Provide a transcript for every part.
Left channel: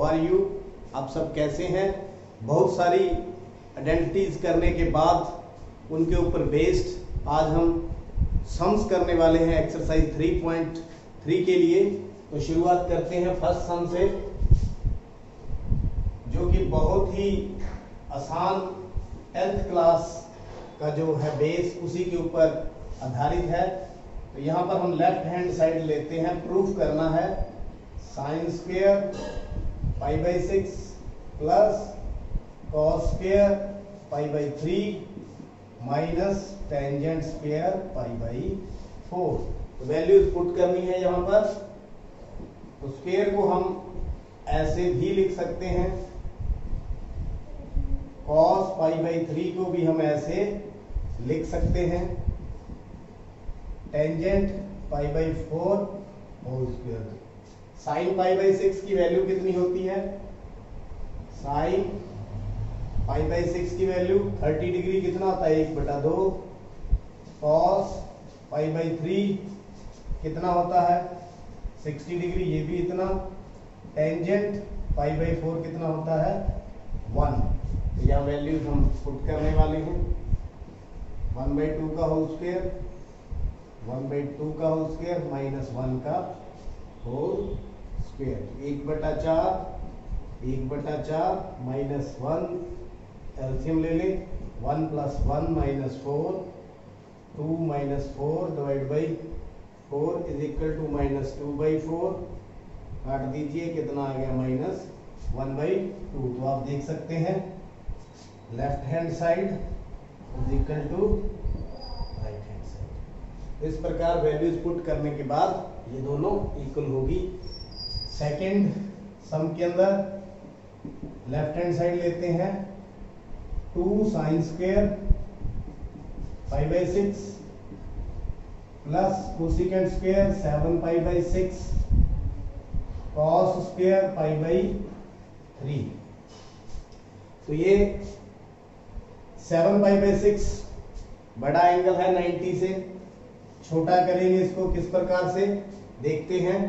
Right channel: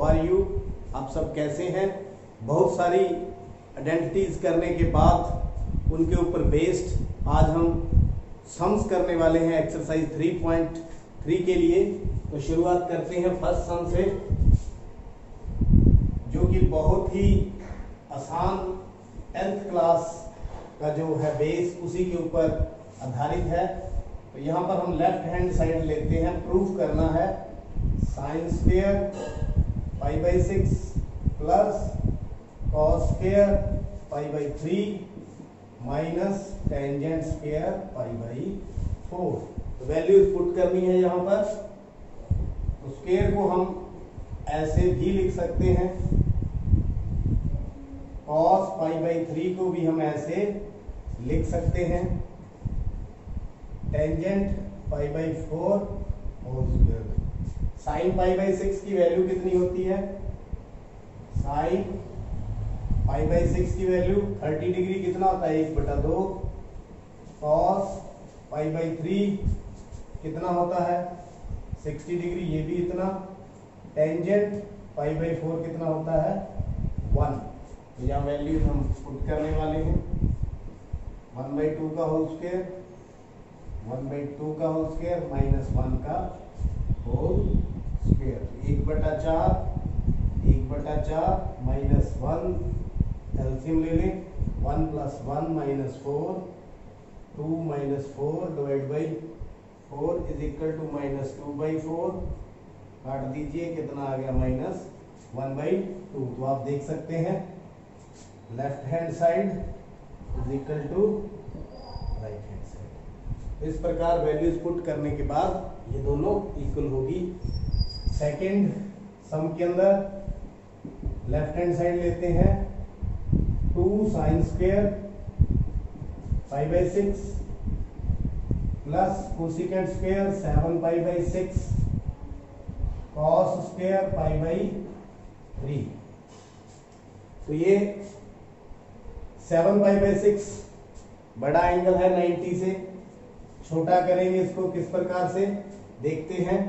How are you, आप सब कैसे हैं। बहुत सारी आइडेंटिटीज करने के बाद उनके ऊपर बेस्ड आज हम सम्स करने वाले हैं एक्सरसाइज 3.3 के लिए। तो शुरुआत करते हैं फर्स्ट सम से, जो कि बहुत ही आसान 10th क्लास का जो है बेस उसी के ऊपर आधारित है। तो यहाँ पर हम लेफ्ट हैंड साइड लेते हैं, प्रूफ करना है sine square pi by 6 plus cos square pi by 3 minus tangent square pi by 4। तो वैल्यूज पुट करनी है यहाँ पर। तो स्क्वायर को हम ऐसे भी लिख सकते हैं, कॉस पाई बाई 3 को भी हम ऐसे लिख सकते हैं, tangent pi by 4 whole square. Sine pi by 6 की वैल्यू कितनी होती है, साइन पाई बाई 6 की वैल्यू 30 डिग्री कितना होता है 1/2। कॉस पाई बाई 3 कितना होता है 60 डिग्री, ये भी इतना। टेंजेंट पाई बाई 4 कितना होता है 1। तो यहाँ वैल्यू हम पुट करने वाले हैं 1/2 का होल स्क्वायर, 1/2 का होल स्क्वायर माइनस 1 का होल स्क्वायर। 1/4 माइनस 1 एलसीएम ले लें, 1 + 1 - 4, 2 - 4 divide by 4 is equal to -2/4। काट दीजिए, कितना आ गया -1/2। तो आप देख सकते हैं left hand side is equal to right hand side. इस प्रकार वैल्यूज पुट करने के बाद ये दोनों इक्वल होगी। सेकंड सम के अंदर लेफ्ट हैंड साइड लेते हैं, 2 sine square pi by 6 plus cosecant square 7 pi by 6 cos square pi by 3। तो ये 7 पाई बाई 6 बड़ा एंगल है 90 से, छोटा करेंगे इसको किस प्रकार से देखते हैं।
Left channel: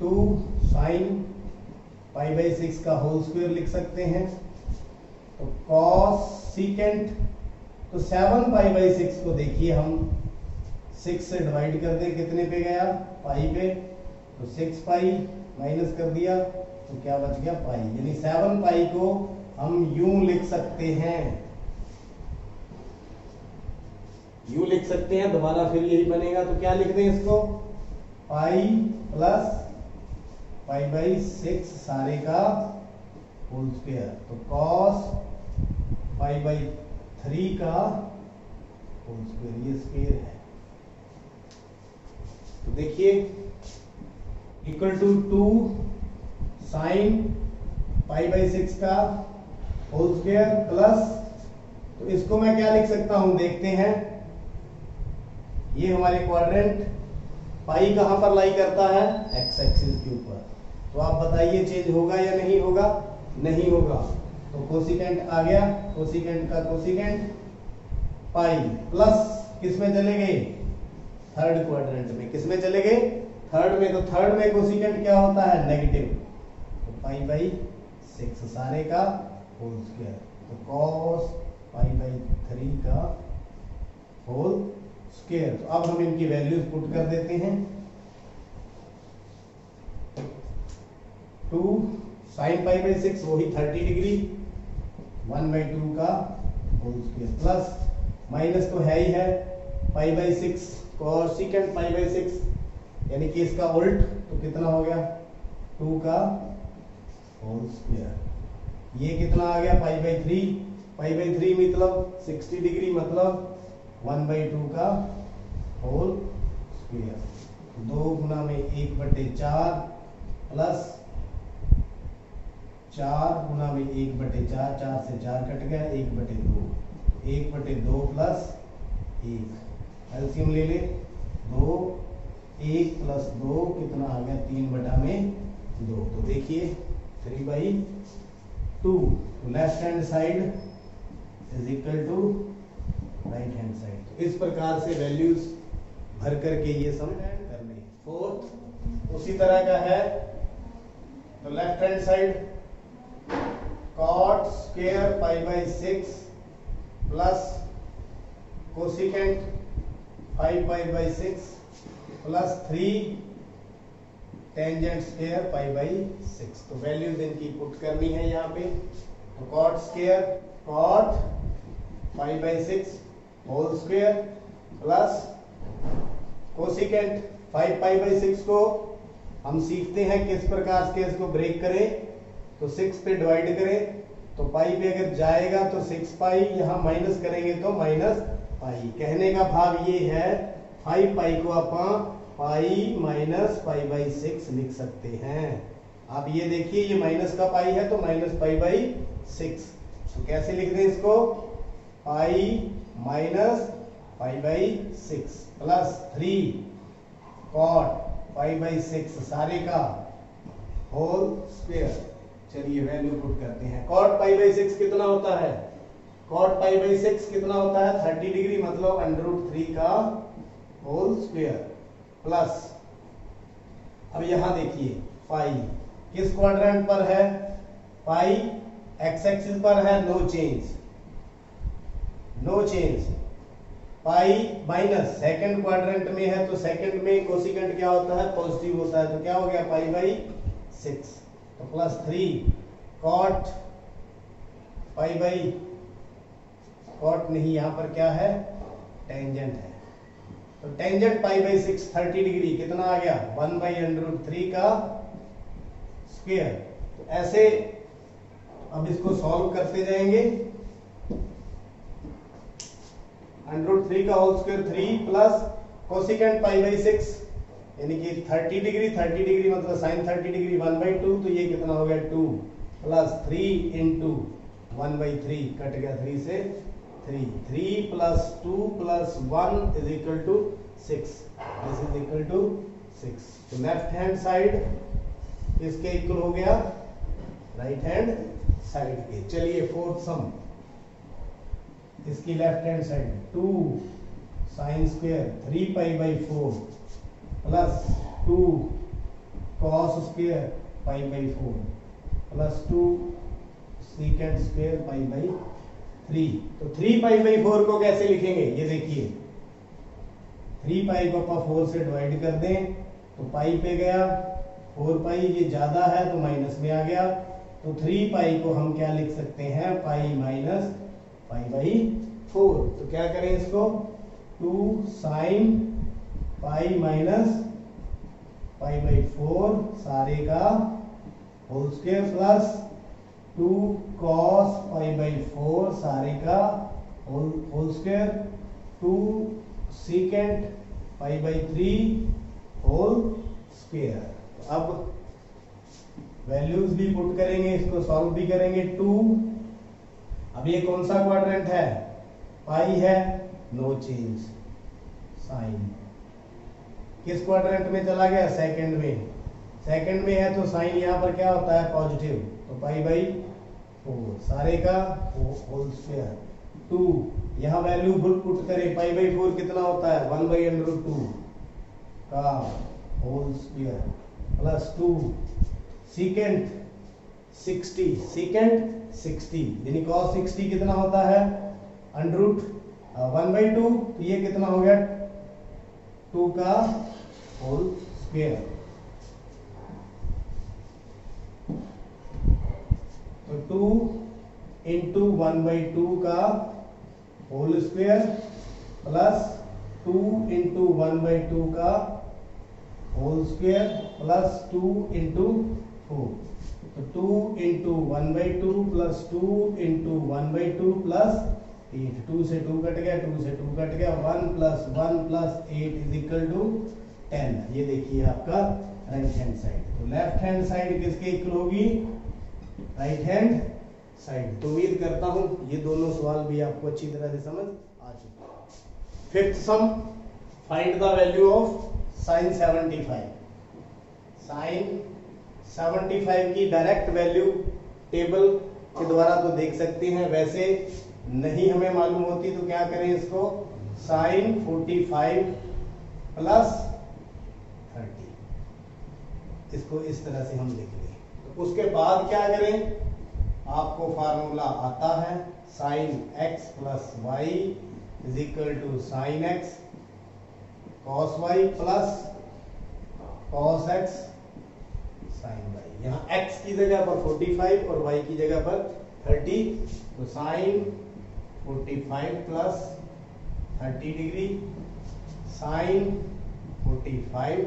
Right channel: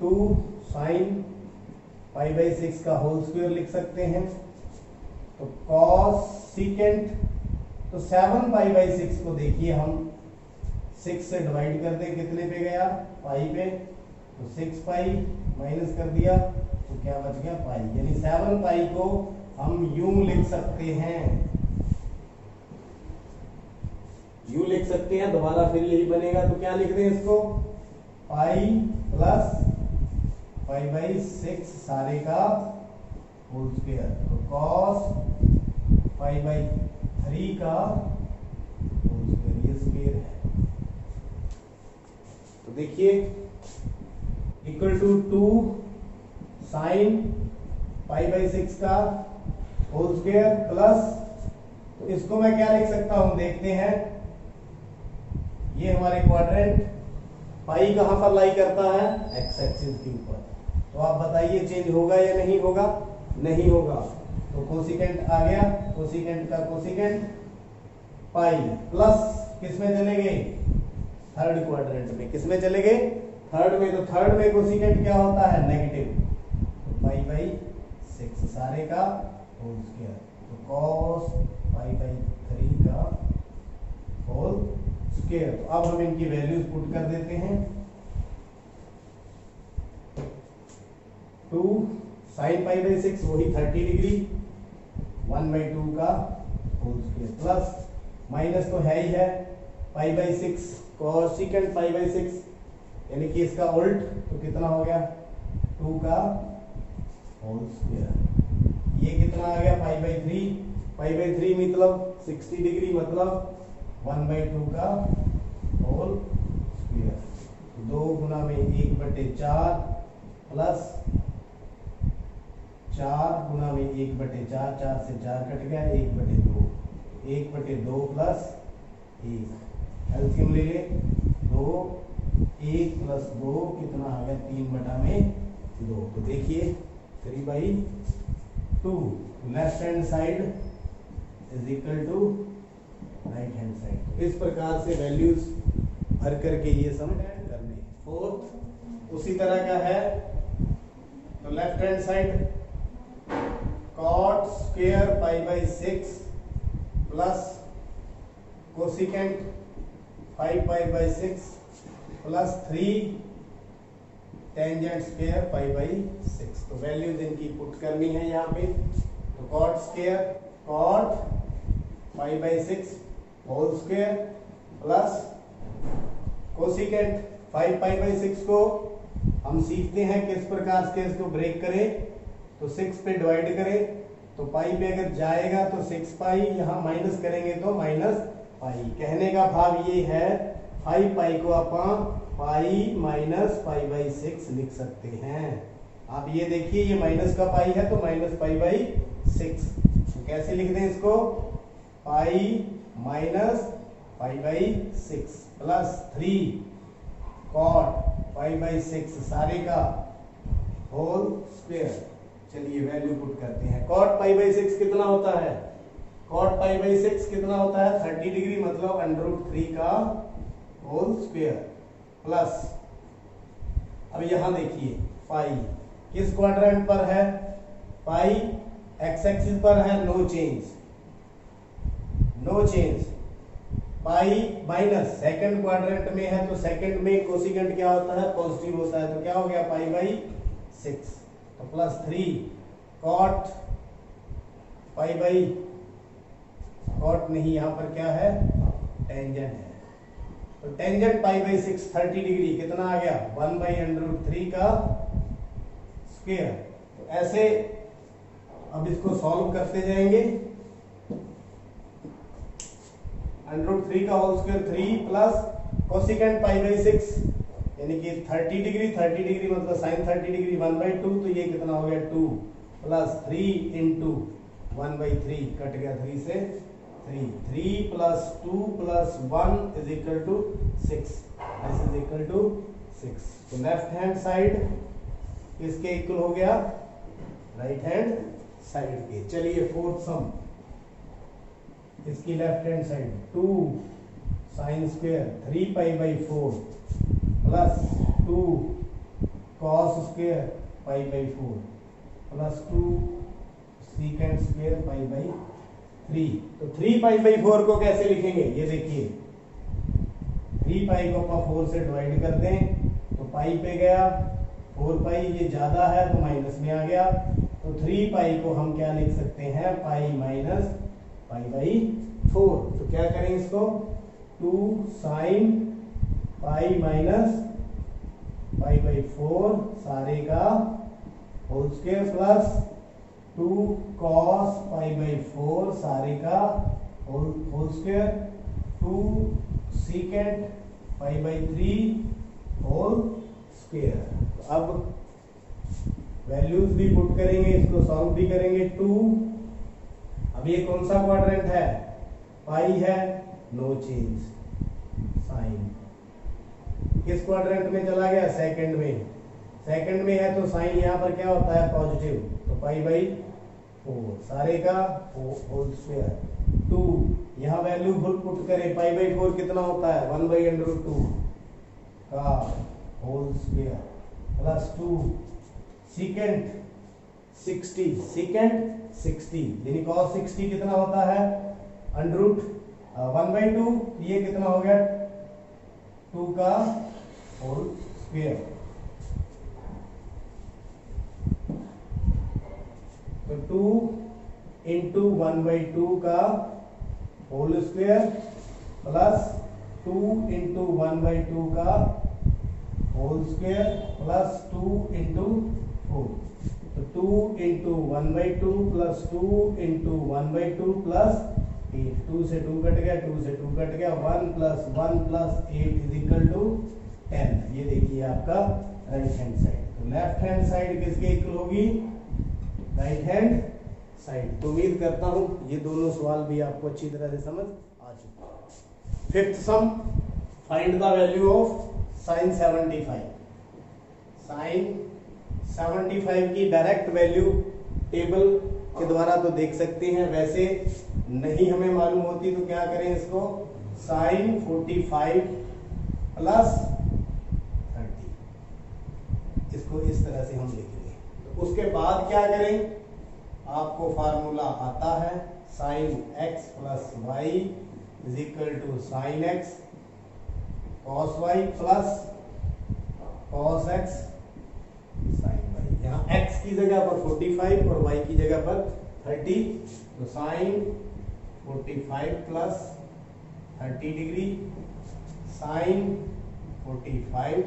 2 साइन पाई बाई 6 का होल स्क्वायर लिख सकते हैं। तो कॉस सीकेंट, तो 7 पाई बाई 6 को देखिए हम 6 से डिवाइड कर दें, कितने पे गया पाई पे। तो 6 पाई माइनस कर दिया तो क्या बच गया पाई, यानी 7 पाई को हम यूं लिख सकते हैं, यूं लिख सकते हैं। दोबारा फिर यही बनेगा, तो क्या लिख दें इसको, पाई प्लस पाई बाई 6 सारे का होल स्क्वायर। तो कॉस पाई बाई 3 का होल स्क्वायर, ये स्क्वायर है। तो देखिए equal to 2 sine pi by 6 का होल स्क्वायर प्लस, तो इसको मैं क्या लिख सकता हूं देखते हैं। ये हमारे क्वाड्रेंट, पाई कहां पर लाई करता है, एक्स एक्सिस के ऊपर। तो आप बताइए चेंज होगा या नहीं होगा, नहीं होगा। तो कोसिकेंट आ गया, कोसिकेंट का कोसिकेंट पाई प्लस किस में चले गए, थर्ड क्वाड्रेंट में। किस में चले गए, थर्ड में। तो थर्ड में कोसिकेंट क्या होता है नेगेटिव। तो पाई बाई 6 सारे का होल स्क्वायर। तो कॉस पाई बाई 3 का होल स्क्वायर। तो अब हम इनकी वैल्यूज पुट कर देते हैं। 2 साइन पाई बाई 6 वही 30 डिग्री, 1/2 का होल स्क्वायर प्लस माइनस तो है ही है पाई बाई 6 कोसिकेंट पाई बाई 6, यानी कि इसका उल्ट। तो कितना हो गया 2 का होल स्क्वायर। ये कितना आ गया पाई बाई 3, पाई बाई 3 मतलब 60 डिग्री, मतलब 1/2 का होल स्क्वायर। 2 गुना में 1/4 प्लस 4 गुना में 1/4, 4 से 4 कट गया, 1/2, 1/2 प्लस 1 एलसीएम ले ले, 2 1 प्लस 2 कितना आ गया 3/2। तो देखिए 3/2 left hand side is equal to right hand side. इस प्रकार से वैल्यूज भर करके ये सम करने। फोर्थ उसी तरह क्या है, तो left hand side cot square pi by 6 plus cosecant 5 pi by 6 plus 3 tangent square pi by 6। तो वैल्यूज इनकी पुट करनी है यहाँ पे। तो cot square cot 5 by 6 whole square plus cosecant 5 pi by 6 को हम सीखते हैं किस प्रकार से इसको ब्रेक करें। तो 6 पे डिवाइड करें तो पाई पे अगर जाएगा तो 6 पाई, यहाँ माइनस करेंगे तो माइनस पाई। कहने का भाव ये है 5 पाई को आप पाई माइनस पाई बाई 6 लिख सकते हैं। आप ये देखिए ये माइनस का पाई है तो माइनस पाई बाई 6। तो कैसे लिख दें इसको, pi minus pi by 6 plus 3 cot pi by 6 सारे का होल स्क्वायर। चलिए वैल्यू पुट करते हैं। कॉट पाई बाई 6 कितना होता है, कॉट पाई बाई 6 कितना होता है 30 डिग्री, मतलब √3 का होल स्क्वायर प्लस, अब यहां देखिए पाई किस क्वाड्रेंट पर है, पाई एक्स एक्सिस पर है, no change, no change. Pi minus second quadrant में है तो सेकंड में कोसिकेंट क्या होता है, पॉजिटिव होता है। तो क्या हो गया पाई बाई 6 तो plus 3 cot pi by, cot नहीं यहां पर क्या है टेंजेंट है। तो टेंजेंट पाई बाई 6 30 डिग्री कितना आ गया 1 बाई √3 का स्क्वायर। तो ऐसे अब इसको सॉल्व करते जाएंगे। √3 का whole square 3 plus cosecant pi by 6 यानी कि 30 डिग्री मतलब साइन 30 डिग्री 1/2, तो ये कितना हो गया 2 प्लस 3 इंटू 1/3 कट गया 3 से 3 plus 2 plus 1 is equal to 6, this is equal to 6। तो लेफ्ट हैंड साइड किसके इक्वल हो गया, राइट हैंड साइड के। चलिए फोर्थ सम, इसकी left hand side 2 sine square 3 pi by 4 plus 2 cos square pi by 4 plus 2 secant square pi by 3। तो 3 पाई by 4 को कैसे लिखेंगे, ये देखिए 3 पाई को आप 4 से डिवाइड कर दें तो पाई पे गया, 4 पाई ये ज्यादा है तो माइनस में आ गया। तो 3 पाई को हम क्या लिख सकते हैं, पाई माइनस पाई बाई 4। तो क्या करें इसको, 2 sine pi minus pi by 4 सारे का whole square plus 2 cos pi by 4 सारे का whole square 2 secant pi by 3 whole square. अब वैल्यूज भी पुट करेंगे, इसको सॉल्व भी करेंगे। 2 अब ये कौन सा क्वाड्रेंट है, पाई है, नो चेंज, साइन किस क्वाड्रेंट में चला गया, सेकंड में, सेकंड में है तो साइन यहाँ पर क्या होता है पॉजिटिव, तो पाई बाई 4 सारे का होल स्क्वायर 2 यहाँ वैल्यू पुट करें, पाई बाई 4 कितना होता है 1 बाई √2 का whole square plus 2 secant 60 secant 60 यानी cos 60 कितना होता है √1/2, तो ये कितना हो गया 2 का होल स्क्वायर। तो 2 इंटू 1/2 का होल स्क्वायर प्लस 2 इंटू 1/2 का होल स्क्वायर प्लस 2 इंटू 4। तो 2 इंटू 1/2 प्लस 2 इंटू 1/2 प्लस 8, 2 से 2 कट गया, 2 से 2 कट गया, 1 plus 1 plus 8 is equal to 10। ये देखिए आपका राइट हैंड साइड। तो लेफ्ट हैंड साइड किसके इक्वल होगी, राइट हैंड साइड। तो उम्मीद करता हूं ये दोनों सवाल भी आपको अच्छी तरह से समझ आ चुके। Fifth sum, find the value of sine 75। Sine 75 की डायरेक्ट वैल्यू टेबल के द्वारा तो देख सकते हैं, वैसे नहीं हमें मालूम होती तो क्या करें, इसको साइन 45 प्लस 30 इसको इस तरह से हम लिखेंगे। उसके बाद क्या करें, आपको फार्मूला आता है sine x plus y is equal to sine x cos y plus cos x sine y. यहाँ x की जगह पर 45 और y की जगह पर 30, तो sine 45 plus 30 degree sine 45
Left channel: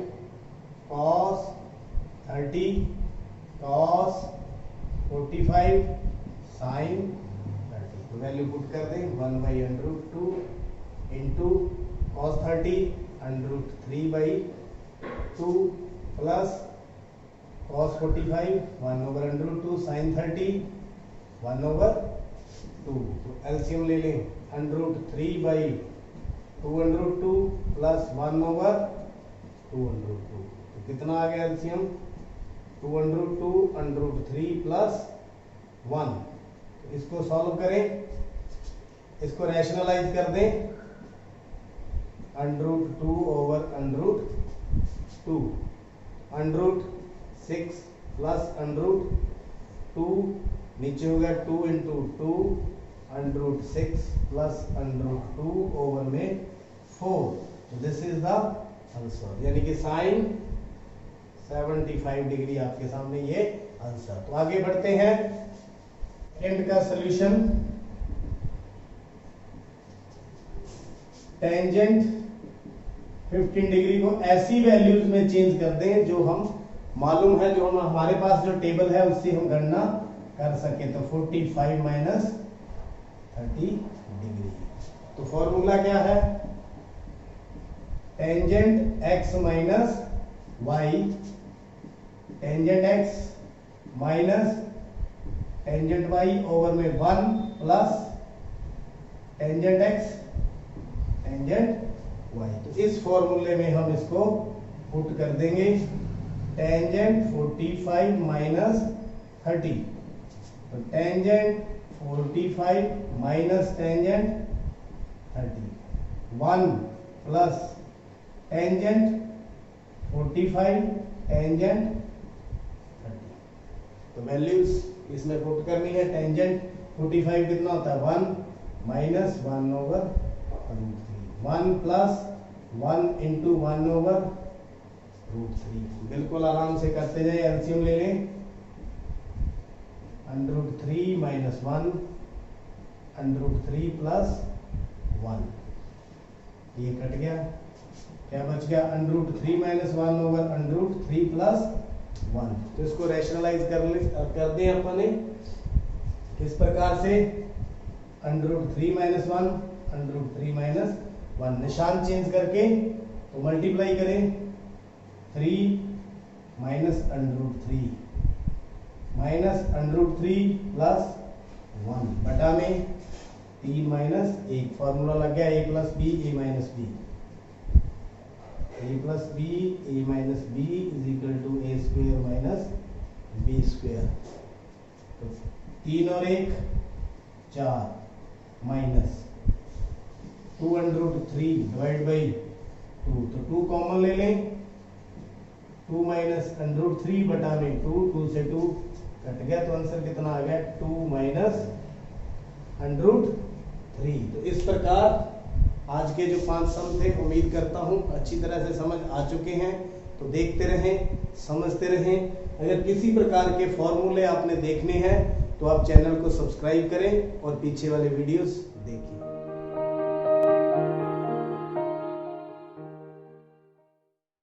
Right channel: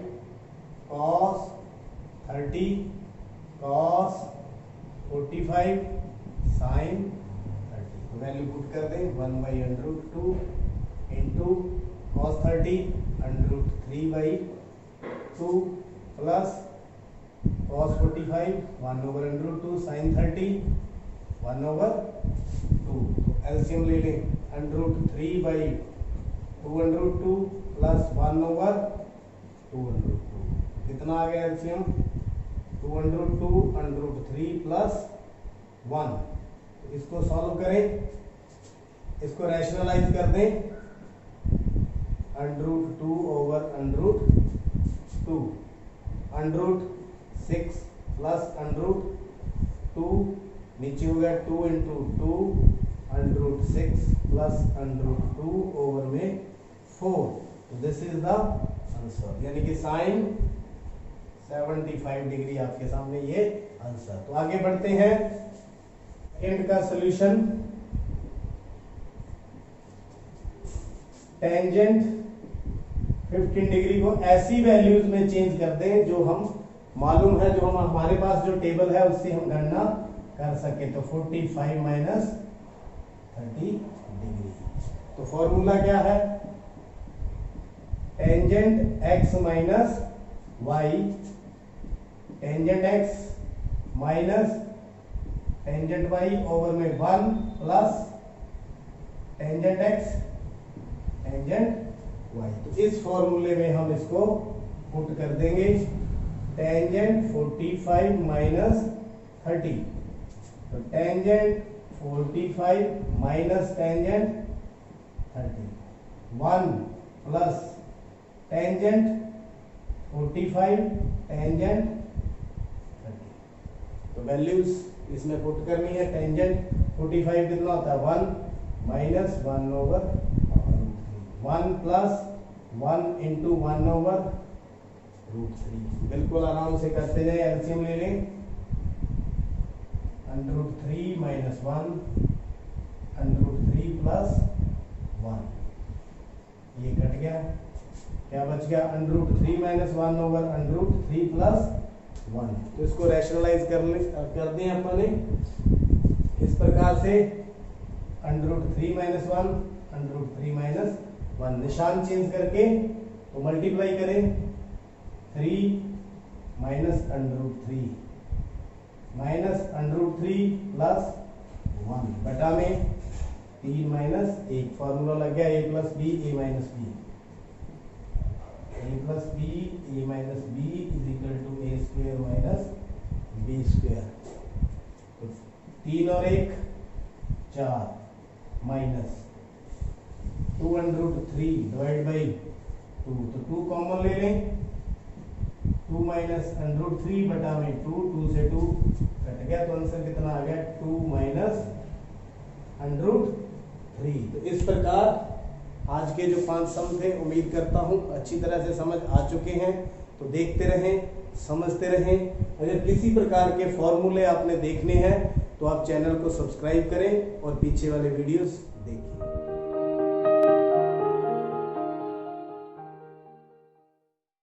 cos 30 cos 45 sine 30। तो वैल्यू पुट कर दें 1/√2 into cos 30 √3/2 plus cos 45 1/√2 sine 30 1/2। LCM ले लें √3/2√2 प्लस 1/2√2। कितना आ गया एलसीएम 2√2 √3 प्लस 1। इसको सॉल्व करें, इसको रैशनलाइज कर दें √2 ओवर √2 √6 प्लस √2 नीचे हो गया 2 इंटू 2 √6 प्लस √2 ओवर में 4। तो दिस इज द आंसर, यानी कि साइन 75 डिग्री आपके सामने ये आंसर। तो आगे बढ़ते हैं सेकंड का सॉल्यूशन। टेंजेंट 15 डिग्री को ऐसी वैल्यूज में चेंज कर दें जो हम मालूम है, जो हम हमारे पास जो टेबल है उससे हम गणना कर सके। तो 45 माइनस 30 डिग्री। तो फॉर्मूला क्या है, tangent x minus y, tangent x minus tangent y over में 1 plus tangent x tangent y। तो इस फॉर्मूले में हम इसको पुट कर देंगे टेंजेंट 45 माइनस 30। तो tangent 45 minus tangent 30 1 plus tangent 45 tangent 30। तो वैल्यूज इसमें पुट करनी है। टेंजेंट 45 कितना होता है 1 माइनस 1/√3 1 प्लस 1 इंटू 1/√3। बिल्कुल आराम से करते जाए, एलसीएम ले लें √3 माइनस 1 √3 प्लस 1, ये कट गया, क्या बच गया √3 माइनस 1 ओवर √3 प्लस 1। तो इसको रैशनलाइज कर दें अपन ने इस प्रकार से √3 माइनस 1 √3 माइनस 1, निशान चेंज करके तो मल्टीप्लाई करें 3 माइनस √3 माइनस √3 प्लस 1 बटा में 3 माइनस 1। फॉर्मूला लग गया a plus B A minus B, a plus B A minus B is equal to a square minus B square. तो 3 और 1 4 माइनस 2√3 डिवाइड बाई 2, तो 2 कॉमन ले लें, 2 माइनस √3 बटा में 2, 2 से 2 कट गया, तो आंसर कितना आ गया 2 माइनस √3। तो इस प्रकार आज के जो 5 सम थे, उम्मीद करता हूं अच्छी तरह से समझ आ चुके हैं। तो देखते रहें, समझते रहें। अगर किसी प्रकार के फॉर्मूले आपने देखने हैं तो आप चैनल को सब्सक्राइब करें और पीछे वाले वीडियोस देखिए।